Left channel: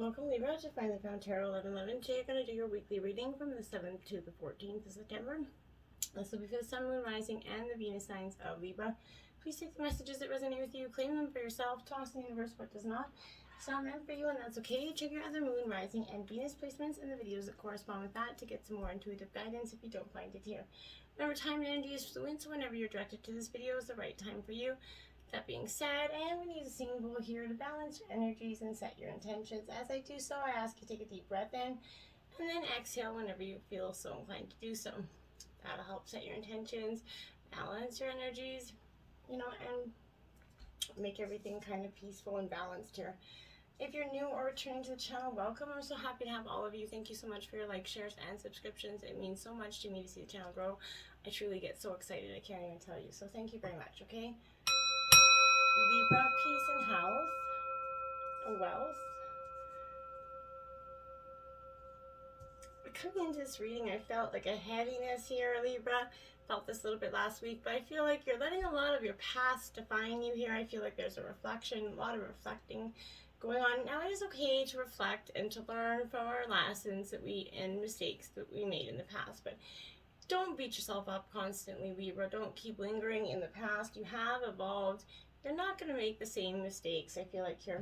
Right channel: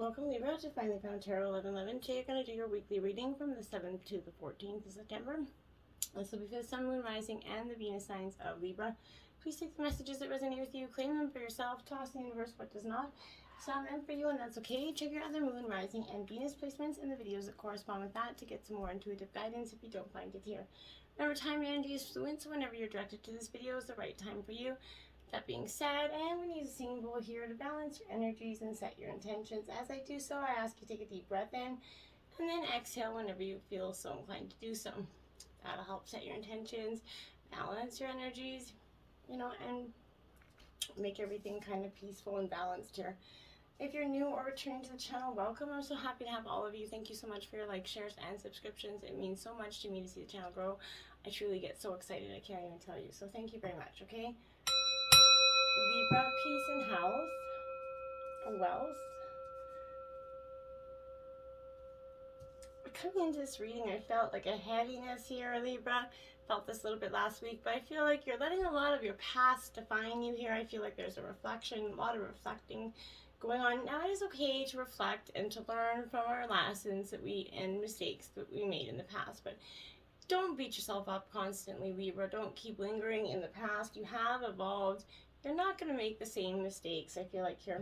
Welcome, Libra, to Finally Found Tarot 1111. Today you're going to do your weekly reading from the 7th to the 14th of September. This will be for the Sun, Moon, Rising, and the Venus signs of Libra. Please take the messages that resonate with you, claim them for yourself, toss in the universe what does not. It's not meant for you, and that's okay. Check your other Moon, Rising, and Venus placements in the videos that correspond with that to get some more intuitive guidance if you don't find it here. Remember, time and energy is fluent, so whenever you're directed to this video is the right time for you. That being said, and we need a singing bowl here to balance your energies and set your intentions. As I do so, I ask you to take a deep breath in and then exhale whenever you feel so inclined to do so. That'll help set your intentions, balance your energies, and make everything kind of peaceful and balanced here. If you're new or returning to the channel, welcome. I'm so happy to have all of you. Thank you so much for your likes, shares, and subscriptions. It means so much to me to see the channel grow. I truly get so excited, I can't even tell you. So thank you very much, okay? Libra, peace and health, wealth. Coming into this reading, I felt like a heaviness here, Libra. Felt this a little bit last week, but I feel like you're letting a lot of your past define you here. I feel like there's a reflection, a lot of reflecting going on. Now, it is okay to reflect and to learn from our lessons and mistakes that we made in the past, but don't beat yourself up constantly, Libra. Don't keep lingering in the past. You have evolved. You're not going to make the same mistakes. I feel like here,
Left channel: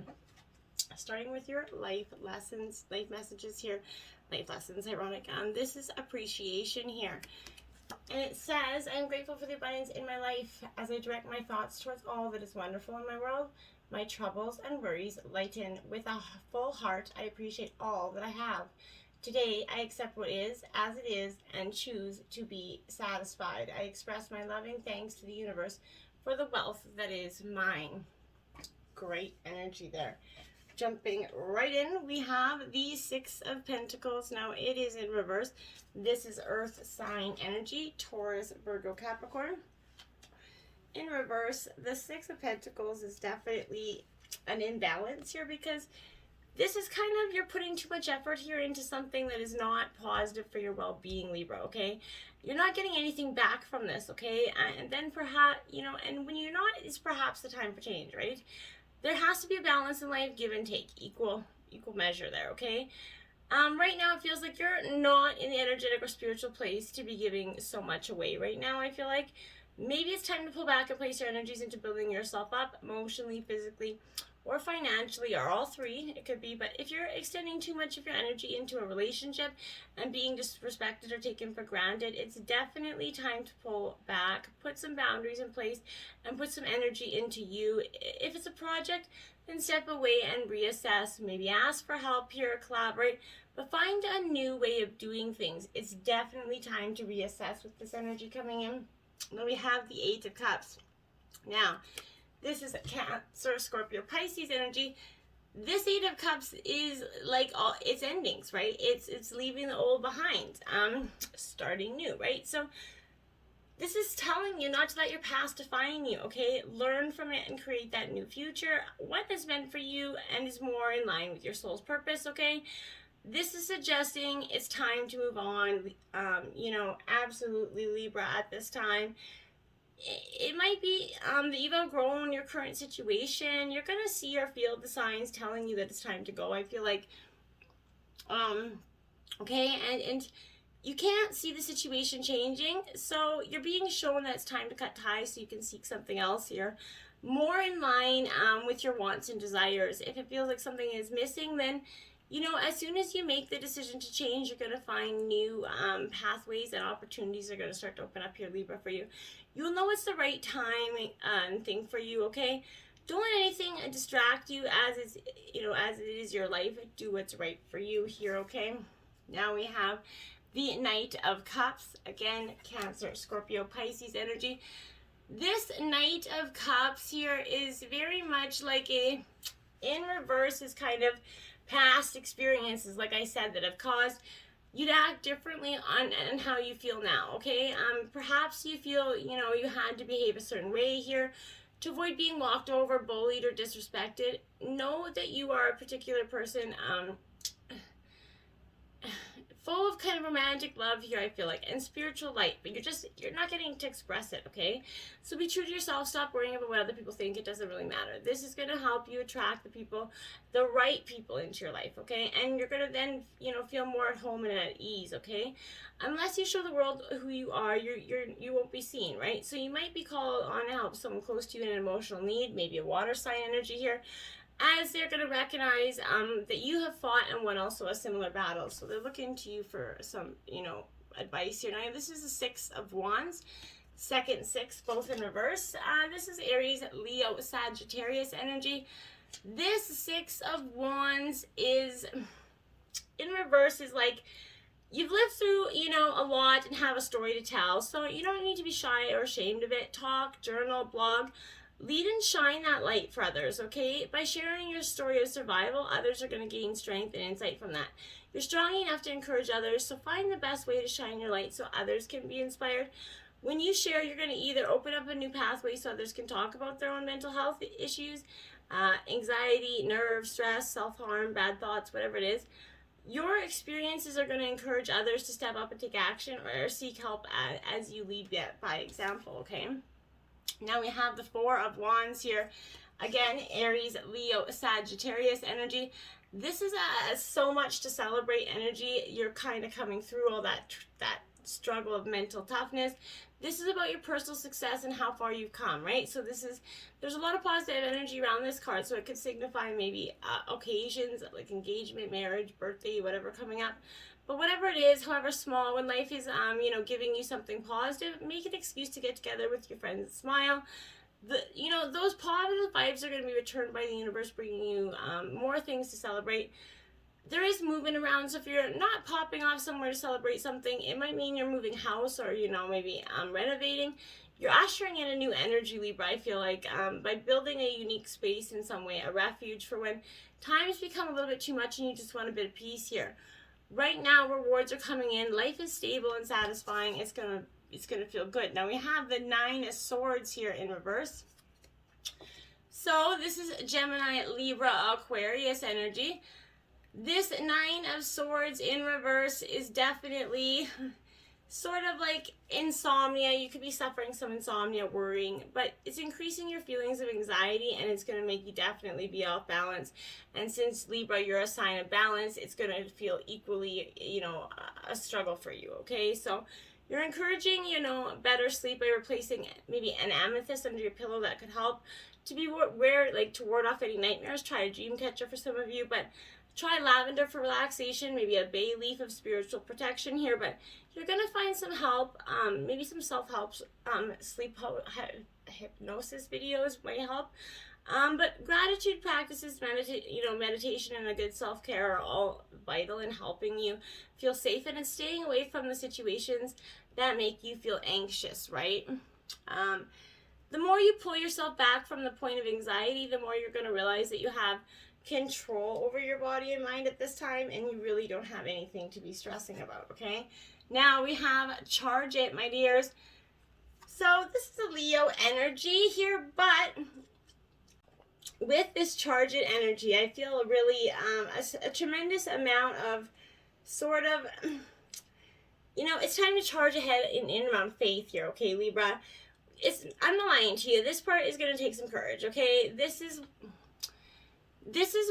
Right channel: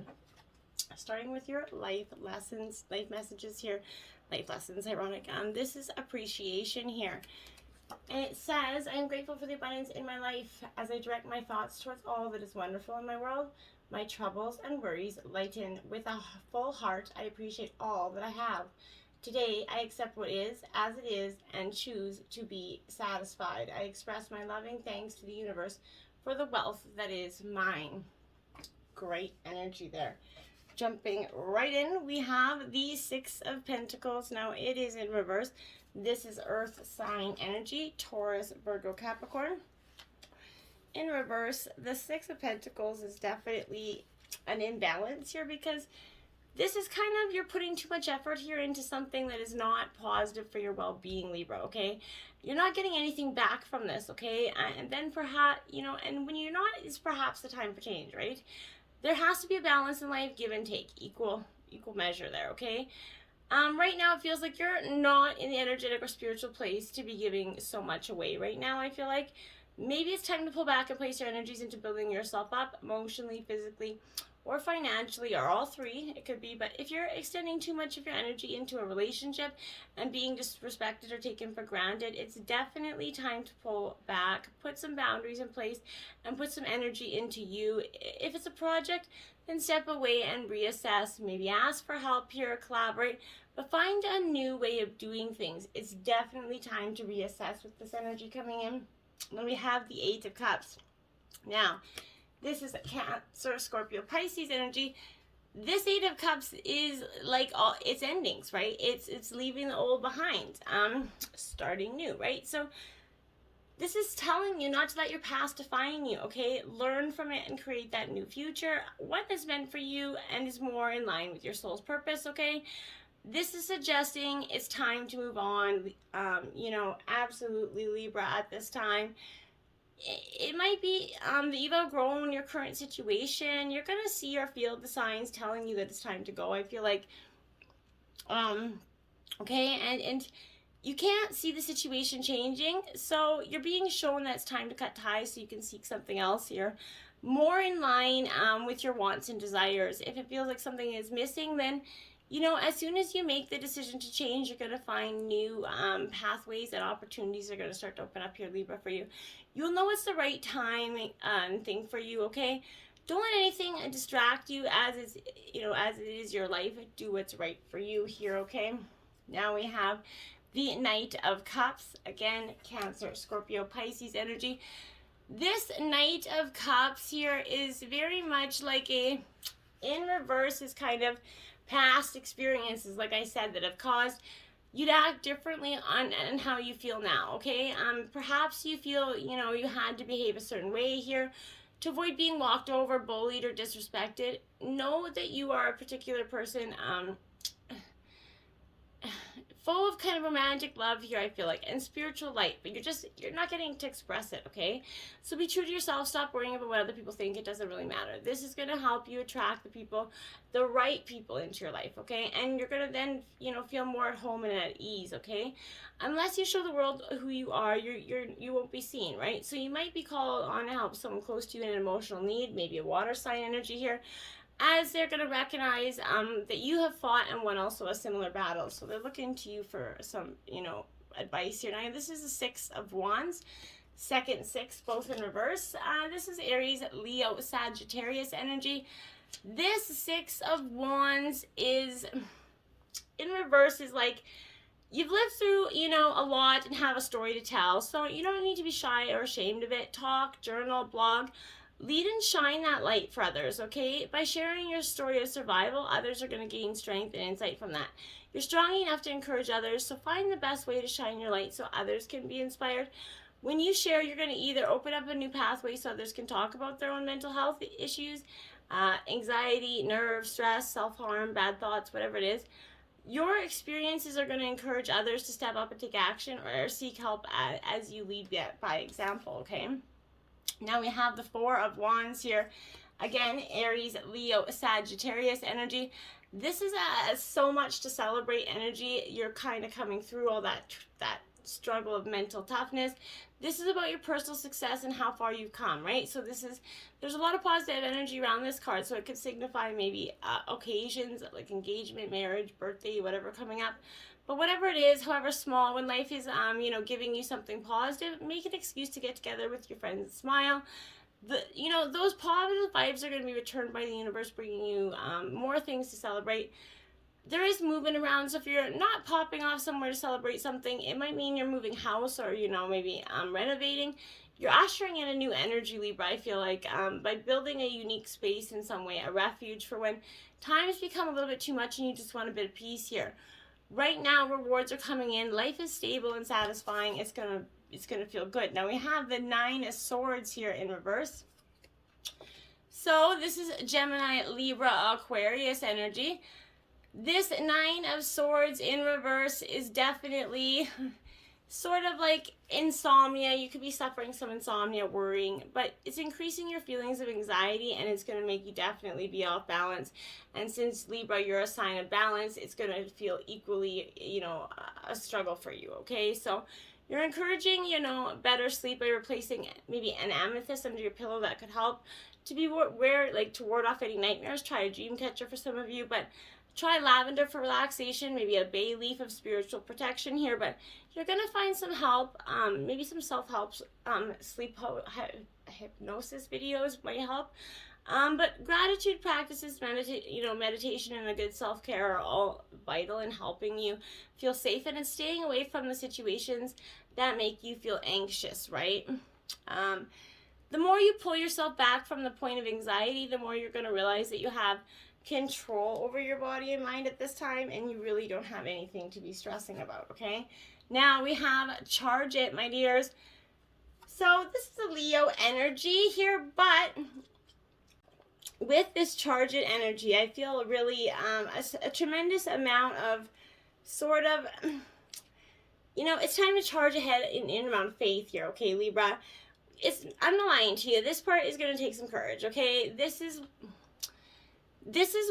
starting with your life lessons, life messages here, life lessons, ironic. This is appreciation here. And it says, I'm grateful for the abundance in my life as I direct my thoughts towards all that is wonderful in my world. My troubles and worries lighten. With a full heart, I appreciate all that I have. Today, I accept what is as it is and choose to be satisfied. I express my loving thanks to the universe for the wealth that is mine. Great energy there. Jumping right in, we have the Six of Pentacles. Now, it is in reverse. This is Earth sign energy, Taurus, Virgo, Capricorn. In reverse, the Six of Pentacles is definitely an imbalance here because this is kind of, you're putting too much effort here into something that is not positive for your well-being, Libra, okay? You're not getting anything back from this, okay? And then perhaps, and when you're not, it's perhaps the time for change, right? There has to be a balance in life, give and take, equal measure there, okay? Right now, it feels like you're not in the energetic or spiritual place to be giving so much away right now. I feel like maybe it's time to pull back and place your energies into building yourself up emotionally, physically, or financially, or all three, it could be. But if you're extending too much of your energy into a relationship and being disrespected or taken for granted, it's definitely time to pull back, put some boundaries in place, and put some energy into you. If it's a project, then step away and reassess. Maybe ask for help here, collaborate, but find a new way of doing things. It's definitely time to reassess with this energy coming in. Then we have the Eight of Cups. Now, this is a Cancer, Scorpio, Pisces energy. This Eight of Cups is like all its endings, right? It's leaving the old behind, starting new, right? So this is telling you not to let your past define you, okay? Learn from it and create that new future. What is meant for you and is more in line with your soul's purpose, okay? This is suggesting it's time to move on, absolutely, Libra, at this time. It might be that you've outgrown your current situation. You're going to see or feel the signs telling you that it's time to go. I feel like, okay, and you can't see the situation changing, so you're being shown that it's time to cut ties so you can seek something else here, more in line with your wants and desires. If it feels like something is missing, then as soon as you make the decision to change, you're going to find new pathways and opportunities are going to start to open up here, Libra, for you. You'll know it's the right time thing for you, okay? Don't let anything distract you as it is your life. Do what's right for you here, okay? Now we have the Knight of Cups. Again, Cancer, Scorpio, Pisces energy. This Knight of Cups here is very much like in reverse is kind of past experiences, like I said, that have caused you to act differently on how you feel now, okay? Perhaps you feel, you had to behave a certain way here to avoid being walked over, bullied, or disrespected. Know that you are a particular person full of kind of romantic love here, I feel like, and spiritual light, but you're not getting to express it, okay? So be true to yourself. Stop worrying about what other people think. It doesn't really matter. This is going to help you attract the right people into your life, okay? And you're going to then, feel more at home and at ease, okay? Unless you show the world who you are, you won't be seen, right? So you might be called on to help someone close to you in an emotional need, maybe a water sign energy here, as they're going to recognize that you have fought and won also a similar battle. So they're looking to you for some, advice here. Now, this is the Six of Wands, second six, both in reverse. This is Aries, Leo, Sagittarius energy. This Six of Wands is, in reverse, is like, you've lived through, a lot and have a story to tell. So you don't need to be shy or ashamed of it. Talk, journal, blog. Lead and shine that light for others, okay? By sharing your story of survival, others are going to gain strength and insight from that. You're strong enough to encourage others, so find the best way to shine your light so others can be inspired. When you share, you're going to either open up a new pathway so others can talk about their own mental health issues, anxiety, nerves, stress, self-harm, bad thoughts, whatever it is. Your experiences are going to encourage others to step up and take action or seek help as you lead by example, okay? Now we have the Four of Wands here. Again, Aries, Leo, Sagittarius energy. This is so much to celebrate energy. You're kind of coming through all that struggle of mental toughness. This is about your personal success and how far you've come, right? So there's a lot of positive energy around this card. So it could signify maybe occasions like engagement, marriage, birthday, whatever coming up. But whatever it is, however small, when life is, giving you something positive, make an excuse to get together with your friends and smile. Those positive vibes are going to be returned by the universe, bringing you more things to celebrate. There is movement around, so if you're not popping off somewhere to celebrate something, it might mean you're moving house or, maybe renovating. You're ushering in a new energy, Libra, I feel like, by building a unique space in some way, a refuge for when times become a little bit too much and you just want a bit of peace here. Right now, rewards are coming in. Life is stable and satisfying. It's gonna feel good. Now we have the Nine of Swords here in reverse. So this is Gemini, Libra, Aquarius energy. This Nine of Swords in reverse is definitely sort of like insomnia. You could be suffering some insomnia, worrying, but it's increasing your feelings of anxiety and it's going to make you definitely be off balance. And since Libra, you're a sign of balance, it's going to feel equally, a struggle for you, okay? So you're encouraging, better sleep by replacing maybe an amethyst under your pillow. That could help to be to ward off any nightmares. Try a dream catcher for some of you, but try lavender for relaxation, maybe a bay leaf of spiritual protection here, but you're going to find some help, maybe some self-help, sleep hypnosis videos might help. But gratitude practices, meditation and a good self-care are all vital in helping you feel safe and in staying away from the situations that make you feel anxious, right? The more you pull yourself back from the point of anxiety, the more you're going to realize that you have control over your body and mind at this time, and you really don't have anything to be stressing about, okay? Now we have Charge It, my dears. So this is a Leo energy here, but with this Charge It energy, I feel really a tremendous amount of sort of, it's time to charge ahead in around faith here, okay, Libra? I'm not lying to you. This part is going to take some courage, okay? This is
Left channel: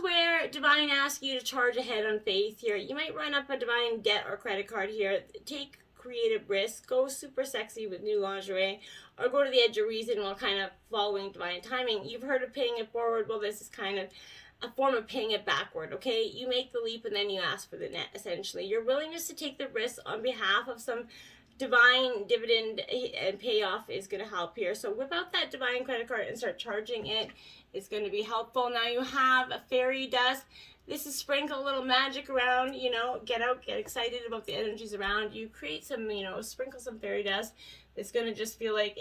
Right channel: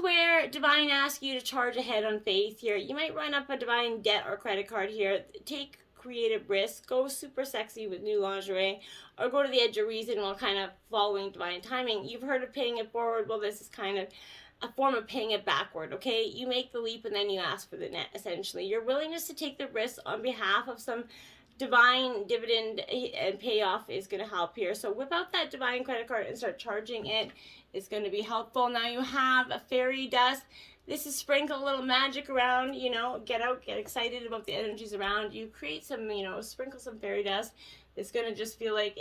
where Divine asks you to charge ahead on faith here. You might run up a Divine debt or credit card here. Take creative risks. Go super sexy with new lingerie. Or go to the edge of reason while kind of following Divine timing. You've heard of paying it forward. Well, this is kind of a form of paying it backward, okay? You make the leap and then you ask for the net, essentially. Your willingness to take the risk on behalf of some Divine dividend and payoff is going to help here. So whip out that Divine credit card and start charging it. It's going to be helpful. Now you have a fairy dust. This is sprinkle a little magic around, get out, get excited about the energies around you. Create some, sprinkle some fairy dust. It's going to just feel like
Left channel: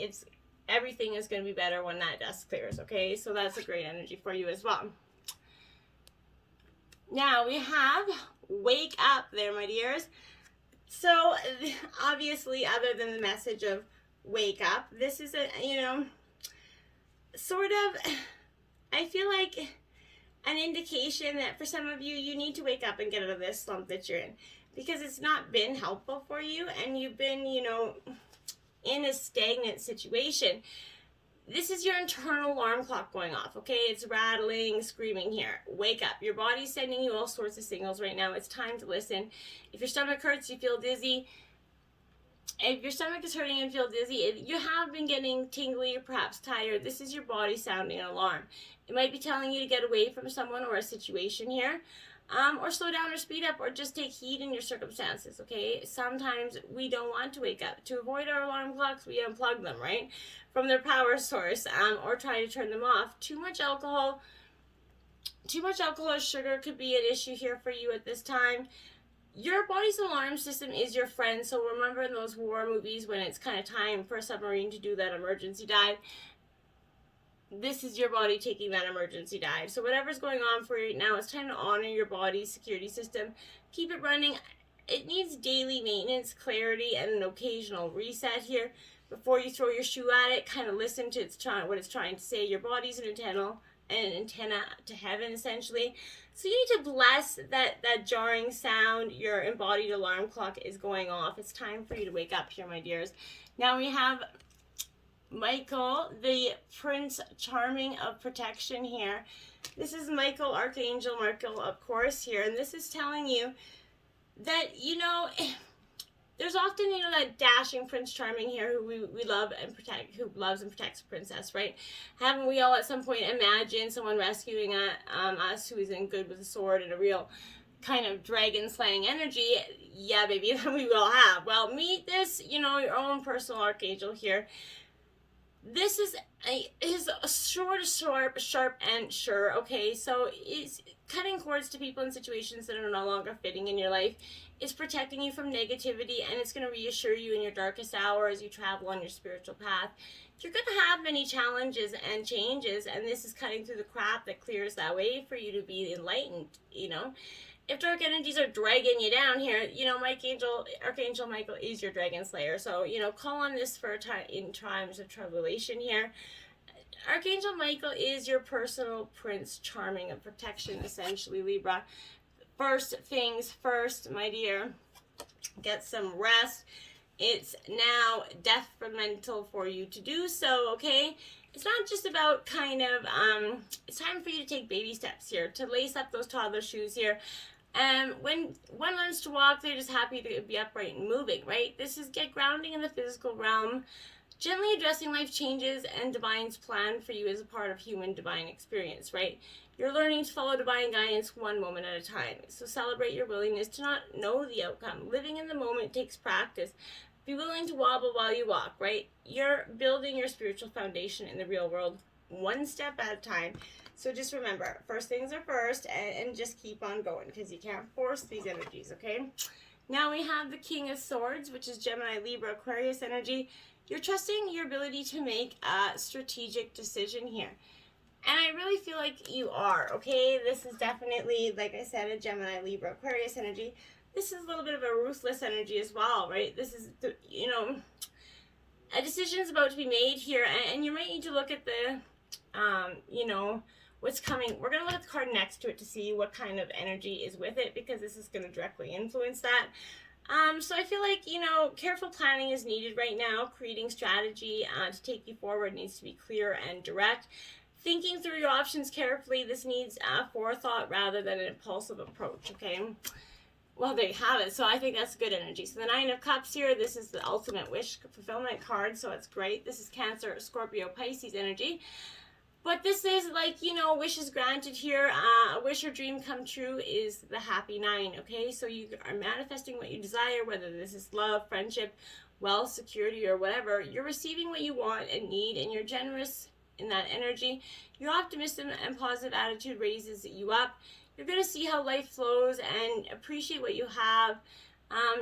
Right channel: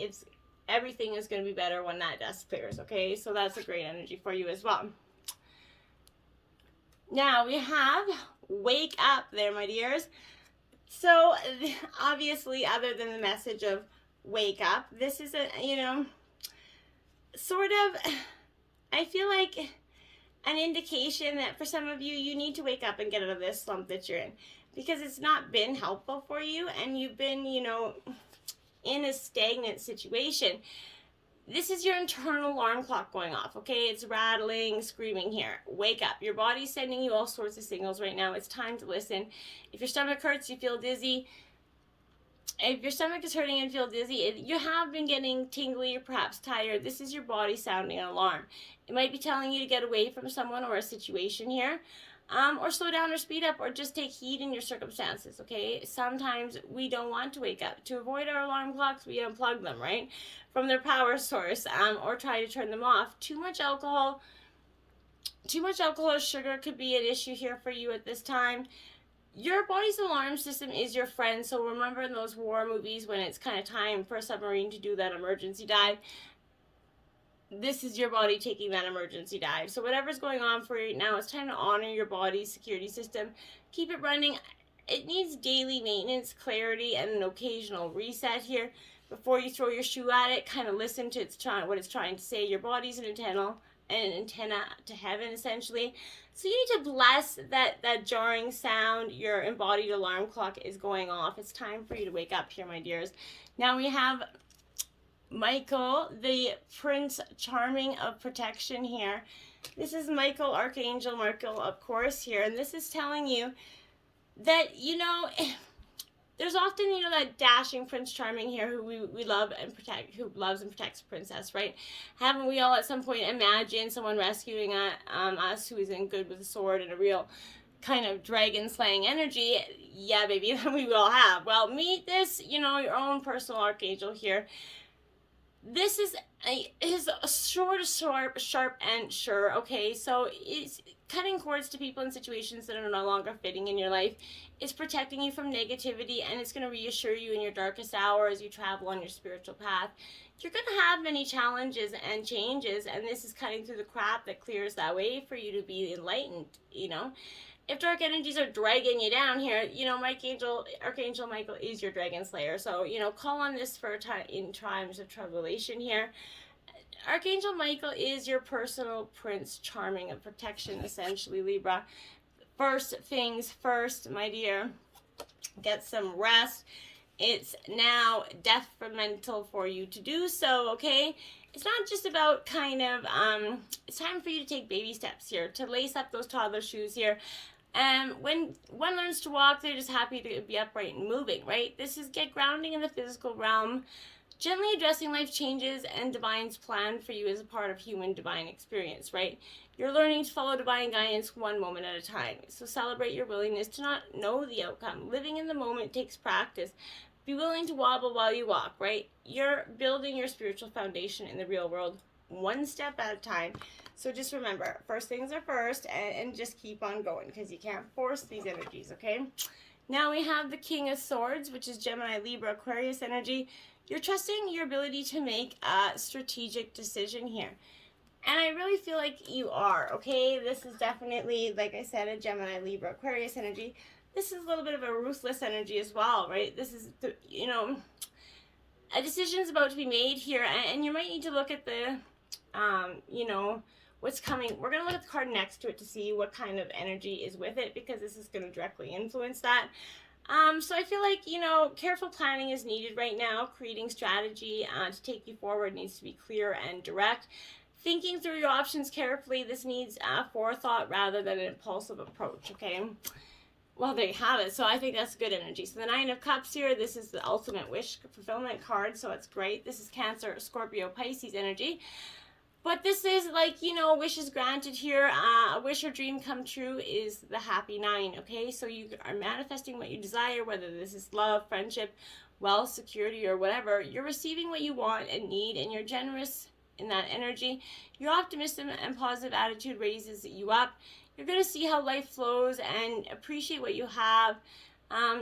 everything is going to be better when that dust clears, okay? So that's a great energy for you as well. Now we have Wake Up there, my dears. So obviously, other than the message of wake up, this is sort of, I feel like an indication that for some of you, you need to wake up and get out of this slump that you're in. because it's not been helpful for you, and you've been, in a stagnant situation. This is your internal alarm clock going off, okay? It's rattling, screaming here. Wake up. Your body's sending you all sorts of signals right now. It's time to listen. If your stomach hurts, you feel dizzy. If your stomach is hurting and feel dizzy, you have been getting tingly or perhaps tired, this is your body sounding an alarm. It might be telling you to get away from someone or a situation here, or slow down or speed up, or just take heed in your circumstances, okay? Sometimes we don't want to wake up. To avoid our alarm clocks, we unplug them, right, from their power source, or try to turn them off. Too much alcohol or sugar could be an issue here for you at this time. Your body's alarm system is your friend, so remember in those war movies when it's kind of time for a submarine to do that emergency dive, this is your body taking that emergency dive. So whatever's going on for you right now, it's time to honor your body's security system. Keep it running. It needs daily maintenance, clarity, and an occasional reset here. Before you throw your shoe at it, kind of listen to what it's trying to say. Your body's an antenna to heaven, essentially. So you need to bless that jarring sound. Your embodied alarm clock is going off. It's time for you to wake up here, my dears. Now we have Michael, the Prince Charming of Protection here. This is Michael, Archangel Michael, of course, here. And this is telling you that, there's often, that dashing Prince Charming here who we love and protect, who loves and protects a princess, right? Haven't we all at some point imagined someone rescuing us who is in good with a sword and a real kind of dragon slaying energy? Yeah, baby, we will have. Well, meet this, your own personal archangel here. This is his short, sharp, and sure, okay? So it's cutting cords to people in situations that are no longer fitting in your life. It's protecting you from negativity, and it's going to reassure you in your darkest hour as you travel on your spiritual path. You're going to have many challenges and changes, and this is cutting through the crap that clears that way for you to be enlightened, If dark energies are dragging you down here, Archangel Michael is your dragon slayer. So, call on this in times of tribulation here. Archangel Michael is your personal Prince Charming of protection, essentially, Libra. First things first, my dear. Get some rest. It's now detrimental for you to do so, okay? It's not just about it's time for you to take baby steps here, to lace up those toddler shoes here. And when one learns to walk, they're just happy to be upright and moving, right? This is get grounding in the physical realm, gently addressing life changes and divine's plan for you as a part of human divine experience, right? You're learning to follow divine guidance one moment at a time. So celebrate your willingness to not know the outcome. Living in the moment takes practice. Be willing to wobble while you walk, right? You're building your spiritual foundation in the real world one step at a time. So just remember, first things are first, and just keep on going, because you can't force these energies, okay? Now we have the King of Swords, which is Gemini, Libra, Aquarius energy. You're trusting your ability to make a strategic decision here. And I really feel like you are, okay? This is definitely, like I said, a Gemini, Libra, Aquarius energy. This is a little bit of a ruthless energy as well, right? This is, a decision is about to be made here, and you might need to look at the, what's coming. We're going to look at the card next to it to see what kind of energy is with it, because this is going to directly influence that. So I feel like, careful planning is needed right now. Creating strategy to take you forward needs to be clear and direct. Thinking through your options carefully. This needs forethought rather than an impulsive approach, okay? Well, there you have it. So I think that's good energy. So the Nine of Cups here, this is the ultimate wish fulfillment card, so it's great. This is Cancer, Scorpio, Pisces energy. But this is like, wishes granted here. A wish or dream come true is the happy 9, okay? So you are manifesting what you desire, whether this is love, friendship, wealth, security, or whatever. You're receiving what you want and need, and you're generous in that energy. Your optimism and positive attitude raises you up. You're going to see how life flows and appreciate what you have.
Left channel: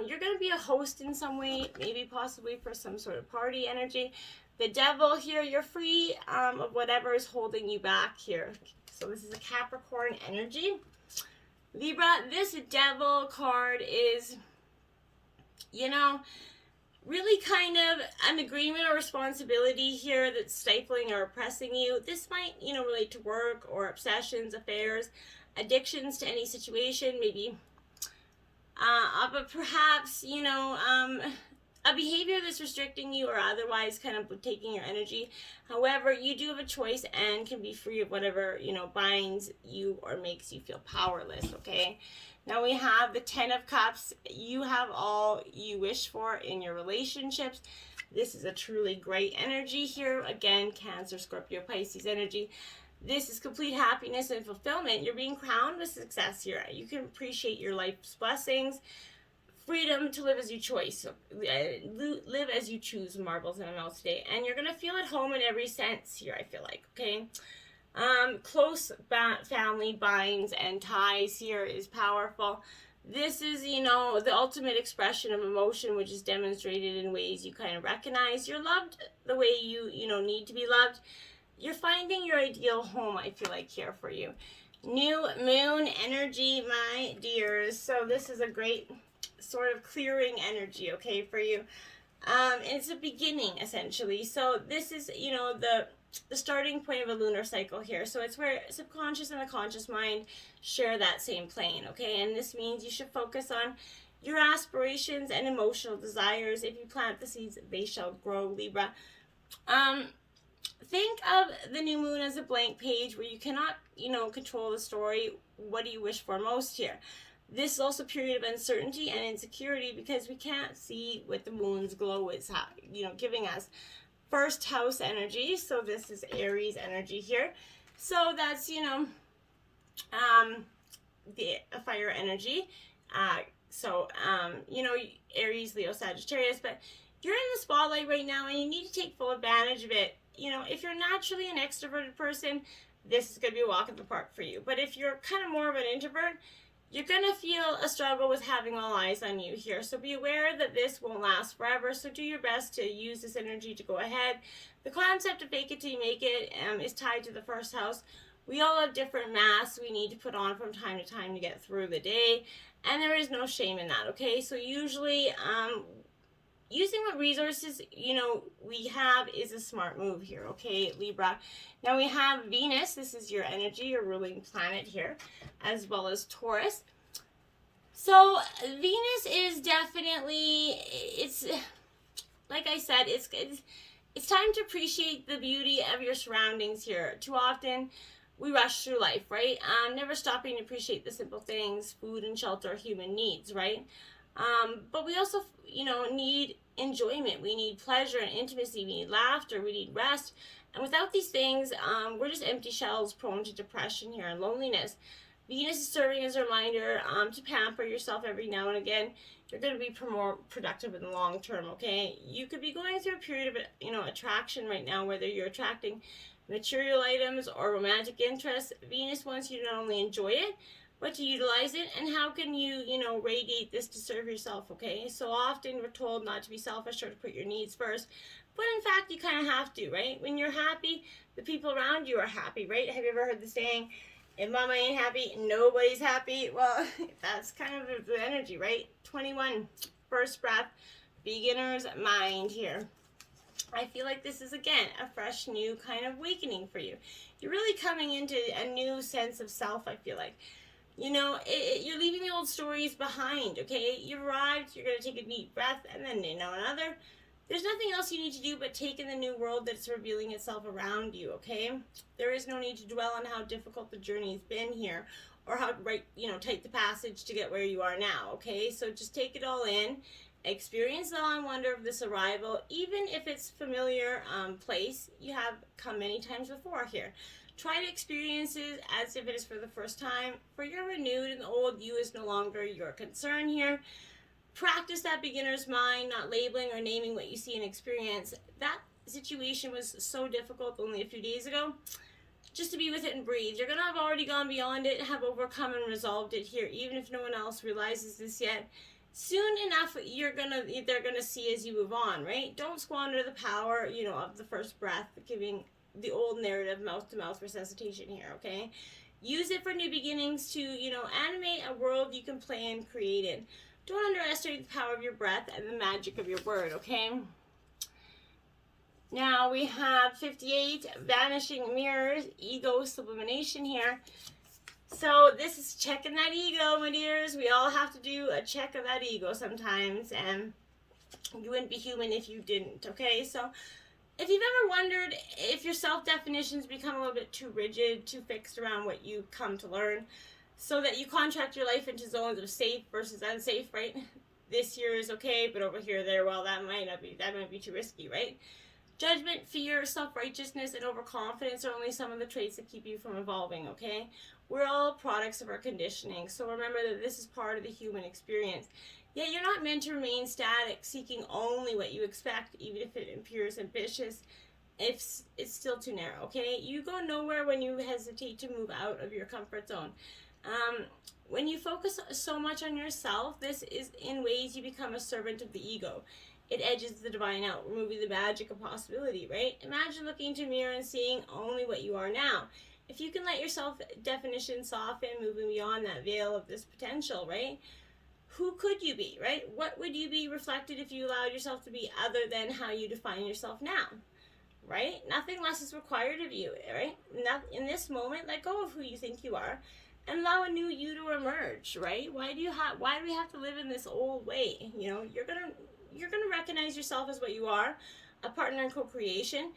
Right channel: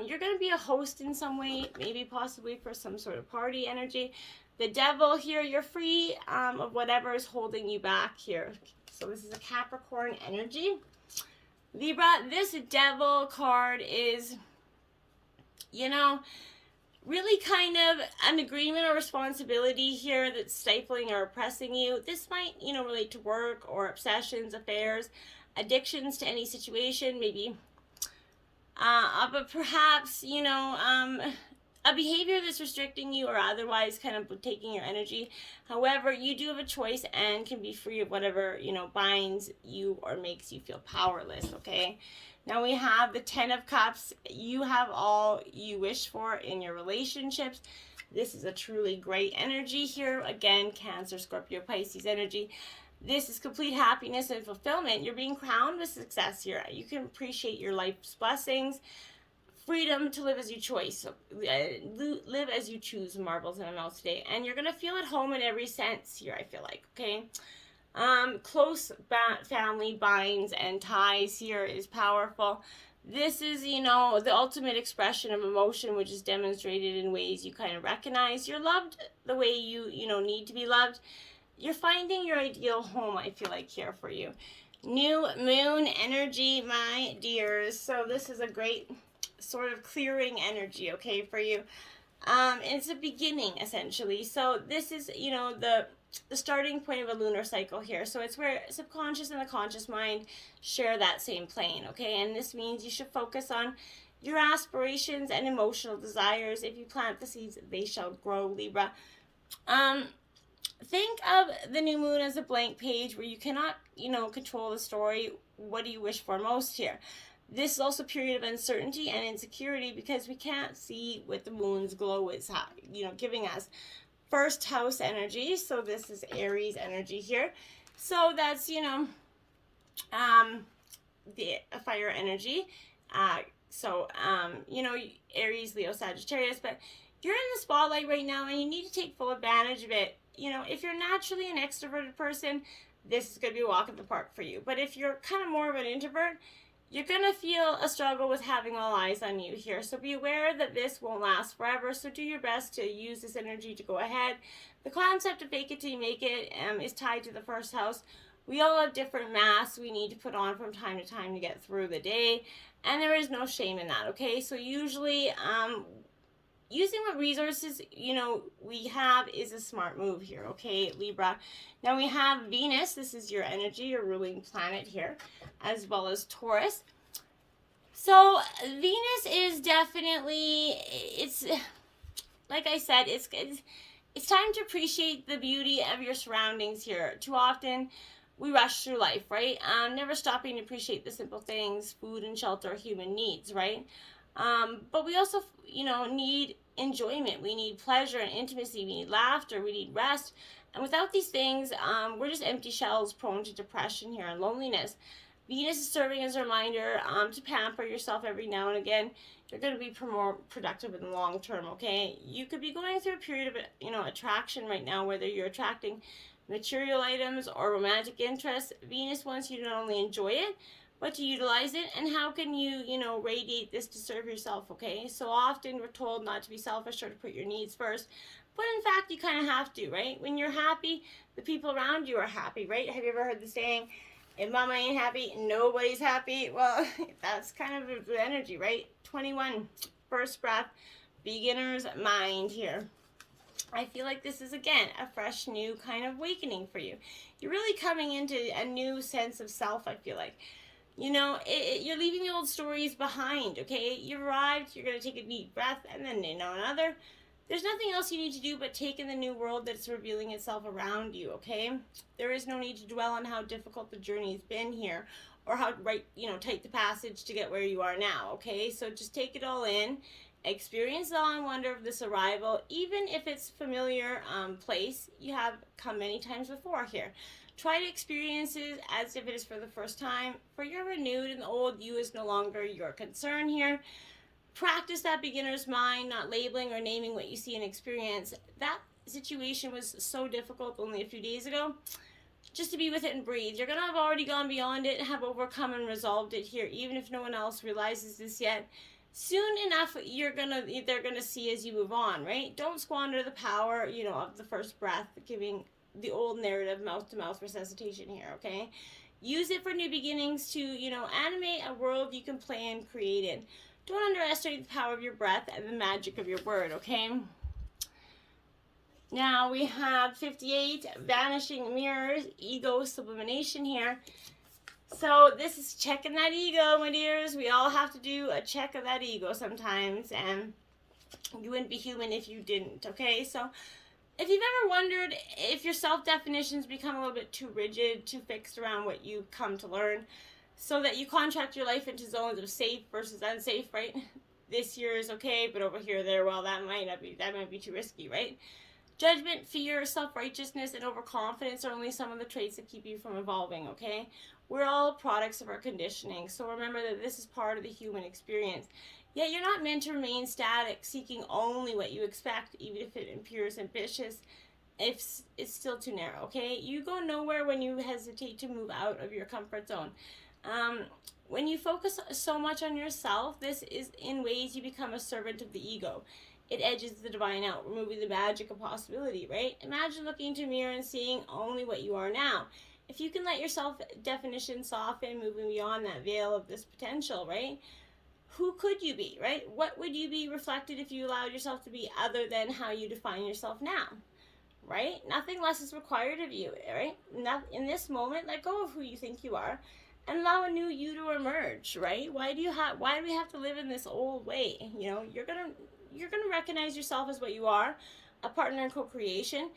You're going to be a host in some way, maybe possibly for some sort of party energy. The Devil here, you're free of whatever is holding you back here. So this is a Capricorn energy. Libra, this Devil card is, really kind of an agreement or responsibility here that's stifling or oppressing you. This might, relate to work or obsessions, affairs, addictions to any situation, maybe but perhaps, a behavior that's restricting you or otherwise kind of taking your energy. However, you do have a choice and can be free of whatever, binds you or makes you feel powerless, okay? Now we have the 10 of Cups. You have all you wish for in your relationships. This is a truly great energy here. Again, Cancer, Scorpio, Pisces energy. This is complete happiness and fulfillment. You're being crowned with success here. You can appreciate your life's blessings. Freedom to live as you choose. So, live as you choose, marbles in my mouth today. And you're going to feel at home in every sense here, I feel like, okay? Close family binds and ties here is powerful. This is, the ultimate expression of emotion, which is demonstrated in ways you kind of recognize. You're loved the way you need to be loved. You're finding your ideal home, I feel like, here for you. New moon energy, my dears. So this is a great sort of clearing energy, okay, for you. It's a beginning, essentially. So this is, the starting point of a lunar cycle here. So it's where subconscious and the conscious mind share that same plane, okay? And this means you should focus on your aspirations and emotional desires. If you plant the seeds, they shall grow, Libra. Think of the new moon as a blank page where you cannot, control the story. What do you wish for most here? This is also a period of uncertainty and insecurity because we can't see what the moon's glow is, giving us. First house energy, so this is Aries energy here. So that's, the fire energy. Aries, Leo, Sagittarius, but you're in the spotlight right now and you need to take full advantage of it. If you're naturally an extroverted person, this is going to be a walk in the park for you. But if you're kind of more of an introvert, you're going to feel a struggle with having all eyes on you here. So be aware that this won't last forever. So do your best to use this energy to go ahead. The concept of fake it till you make it is tied to the first house. We all have different masks we need to put on from time to time to get through the day. And there is no shame in that, okay? So usually using what resources, we have is a smart move here, okay, Libra? Now we have Venus. This is your energy, your ruling planet here, as well as Taurus. So Venus is definitely, it's like I said, it's time to appreciate the beauty of your surroundings here. Too often we rush through life, right? Never stopping to appreciate the simple things, food and shelter, human needs, right? But we also, need enjoyment. We need pleasure and intimacy. We need laughter. We need rest. And without these things, we're just empty shells prone to depression here and loneliness. Venus is serving as a reminder to pamper yourself every now and again. You're going to be more productive in the long term, okay? You could be going through a period of, attraction right now, whether you're attracting material items or romantic interests. Venus wants you to not only enjoy it, but to utilize it. And how can you, radiate this to serve yourself, okay? So often we're told not to be selfish or to put your needs first. But in fact, you kind of have to, right? When you're happy, the people around you are happy, right? Have you ever heard the saying, if mama ain't happy, nobody's happy? Well, that's kind of the energy, right? 21, first breath, beginner's mind here. I feel like this is, again, a fresh, new kind of awakening for you. You're really coming into a new sense of self, I feel like. You're leaving the old stories behind, okay? You arrived, you're going to take a deep breath, and then, another. There's nothing else you need to do but take in the new world that's revealing itself around you, okay? There is no need to dwell on how difficult the journey's been here or how tight the passage to get where you are now, okay? So just take it all in. Experience the awe and wonder of this arrival, even if it's familiar place you have come many times before here. Try to experience it as if it is for the first time, for you're renewed and the old you is no longer your concern here. Practice that beginner's mind, not labeling or naming what you see and experience. That situation was so difficult only a few days ago. Just to be with it and breathe. You're going to have already gone beyond it and have overcome and resolved it here, even if no one else realizes this yet. Soon enough, they're gonna see as you move on, right? Don't squander the power, of the first breath, giving the old narrative mouth-to-mouth resuscitation here, okay? Use it for new beginnings to, animate a world you can play and create in. Don't underestimate the power of your breath and the magic of your word, okay? Now we have 58, vanishing mirrors, ego sublimation here. So this is checking that ego, my dears. We all have to do a check of that ego sometimes, and you wouldn't be human if you didn't, okay? So if you've ever wondered if your self-definitions become a little bit too rigid, too fixed around what you come to learn, so that you contract your life into zones of safe versus unsafe, right? This here is okay, but over here, there, well, that might be too risky, right? Judgment, fear, self-righteousness, and overconfidence are only some of the traits that keep you from evolving, okay? We're all products of our conditioning, so remember that this is part of the human experience. Yet you're not meant to remain static, seeking only what you expect, even if it appears ambitious. If it's still too narrow, okay? You go nowhere when you hesitate to move out of your comfort zone. When you focus so much on yourself, this is in ways you become a servant of the ego. It edges the divine out, removing the magic of possibility, right? Imagine looking into a mirror and seeing only what you are now. If you can let your self-definition soften, moving beyond that veil of this potential, right? Who could you be, right? What would you be reflected if you allowed yourself to be other than how you define yourself now, right? Nothing less is required of you, right? In this moment, let go of who you think you are and allow a new you to emerge, right? Why do we have to live in this old way? You know, you're gonna recognize yourself as what you are, a partner in co-creation,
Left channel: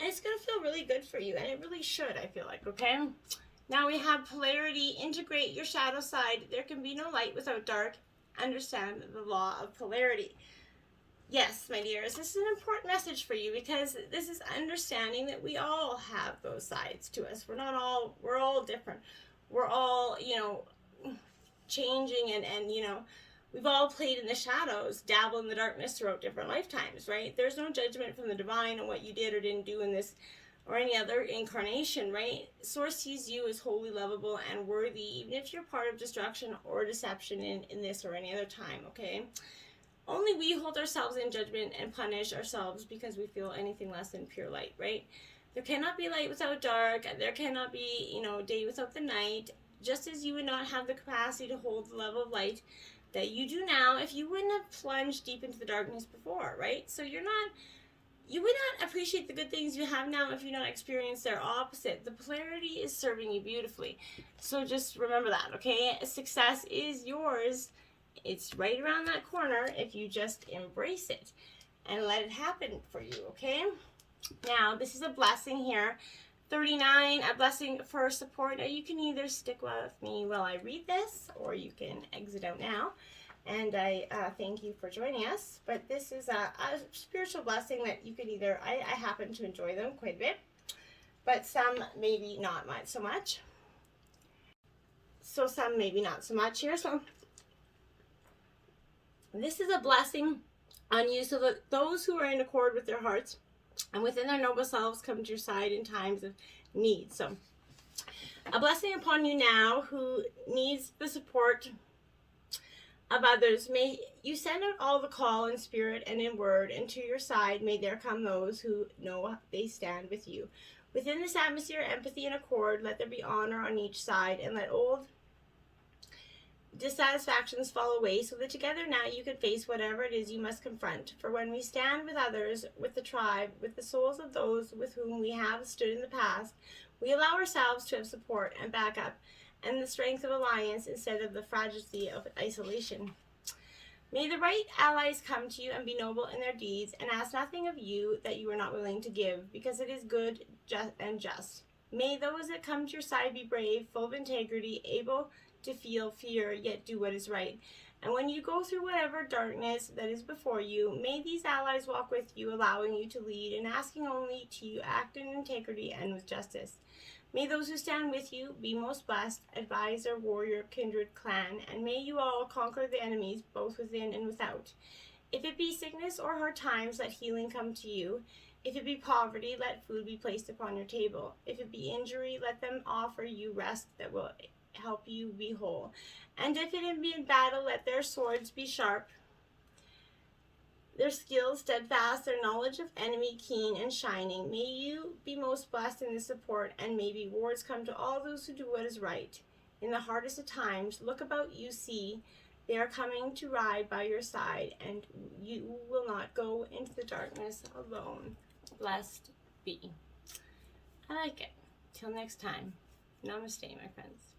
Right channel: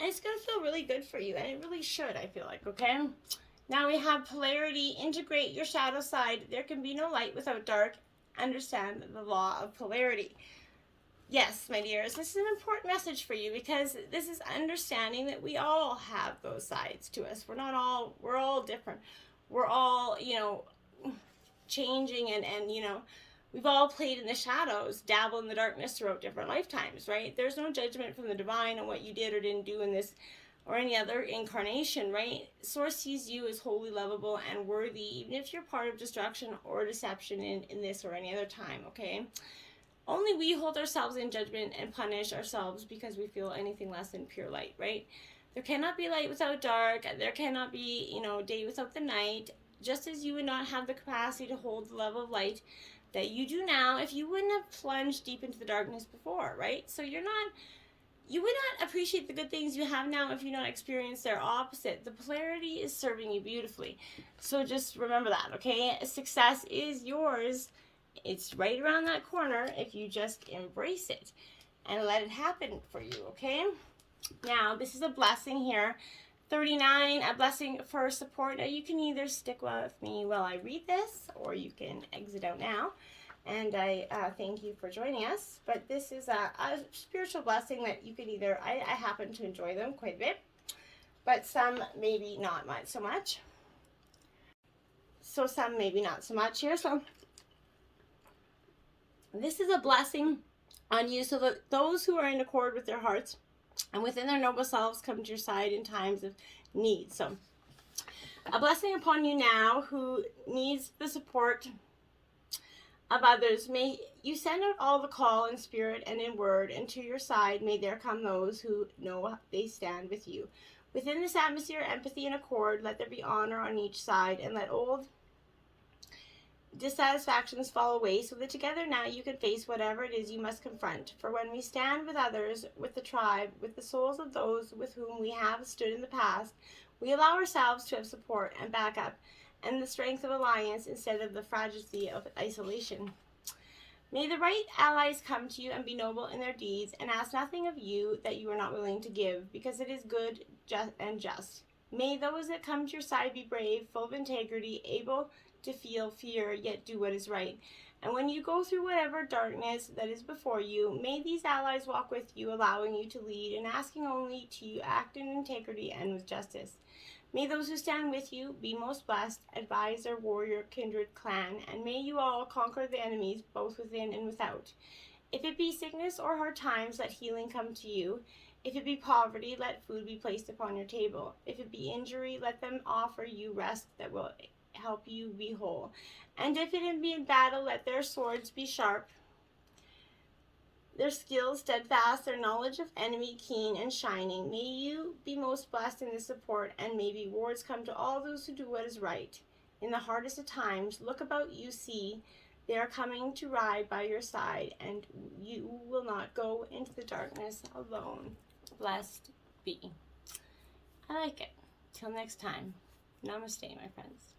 and it's gonna feel really good for you, and it really should, I feel like, okay? Now we have polarity. Integrate your shadow side. There can be no light without dark. Understand the law of polarity. Yes, my dears, this is an important message for you, because this is understanding that we all have those sides to us. We're all different. We're all, changing, and we've all played in the shadows, dabble in the darkness throughout different lifetimes, right? There's no judgment from the divine on what you did or didn't do in this or any other incarnation, right? Source sees you as wholly lovable and worthy, even if you're part of destruction or deception in this or any other time, okay? Only we hold ourselves in judgment and punish ourselves because we feel anything less than pure light, right? There cannot be light without dark. There cannot be, day without the night. Just as you would not have the capacity to hold the level of light that you do now if you wouldn't have plunged deep into the darkness before, right? So you would not appreciate the good things you have now if you don't experience their opposite. The polarity is serving you beautifully. So just remember that, okay? Success is yours. It's right around that corner if you just embrace it and let it happen for you, okay? Now, this is a blessing here. 39, a blessing for support. Now, you can either stick with me while I read this, or you can exit out now. And I thank you for joining us. But this is a spiritual blessing that you can either, I happen to enjoy them quite a bit, but some maybe not so much. So some maybe not so much here. So this is a blessing on you so that those who are in accord with their hearts and within their noble selves come to your side in times of need. So a blessing upon you now who needs the support of others. May you send out all the call in spirit and in word, and to your side may there come those who know they stand with you. Within this atmosphere, empathy and accord, let there be honor on each side, and let old dissatisfactions fall away, so that together now you can face whatever it is you must confront. For when we stand with others, with the tribe, with the souls of those with whom we have stood in the past, we allow ourselves to have support and backup and the strength of alliance instead of the fragility of isolation. May the right allies come to you and be noble in their deeds, and ask nothing of you that you are not willing to give, because it is good and just. May those that come to your side be brave, full of integrity, able to feel fear, yet do what is right. And when you go through whatever darkness that is before you, may these allies walk with you, allowing you to lead and asking only to you act in integrity and with justice. May those who stand with you be most blessed, advisor, warrior, kindred, clan, and may you all conquer the enemies both within and without. If it be sickness or hard times, let healing come to you. If it be poverty, let food be placed upon your table. If it be injury, let them offer you rest that will help you be whole. And if it be in battle, let their swords be sharp, their skills steadfast, their knowledge of enemy keen and shining. May you be most blessed in this support, and may rewards come to all those who do what is right. In the hardest of times, look about you, see they are coming to ride by your side, and you will not go into the darkness alone. Blessed be. I like it. Till next time. Namaste, my friends.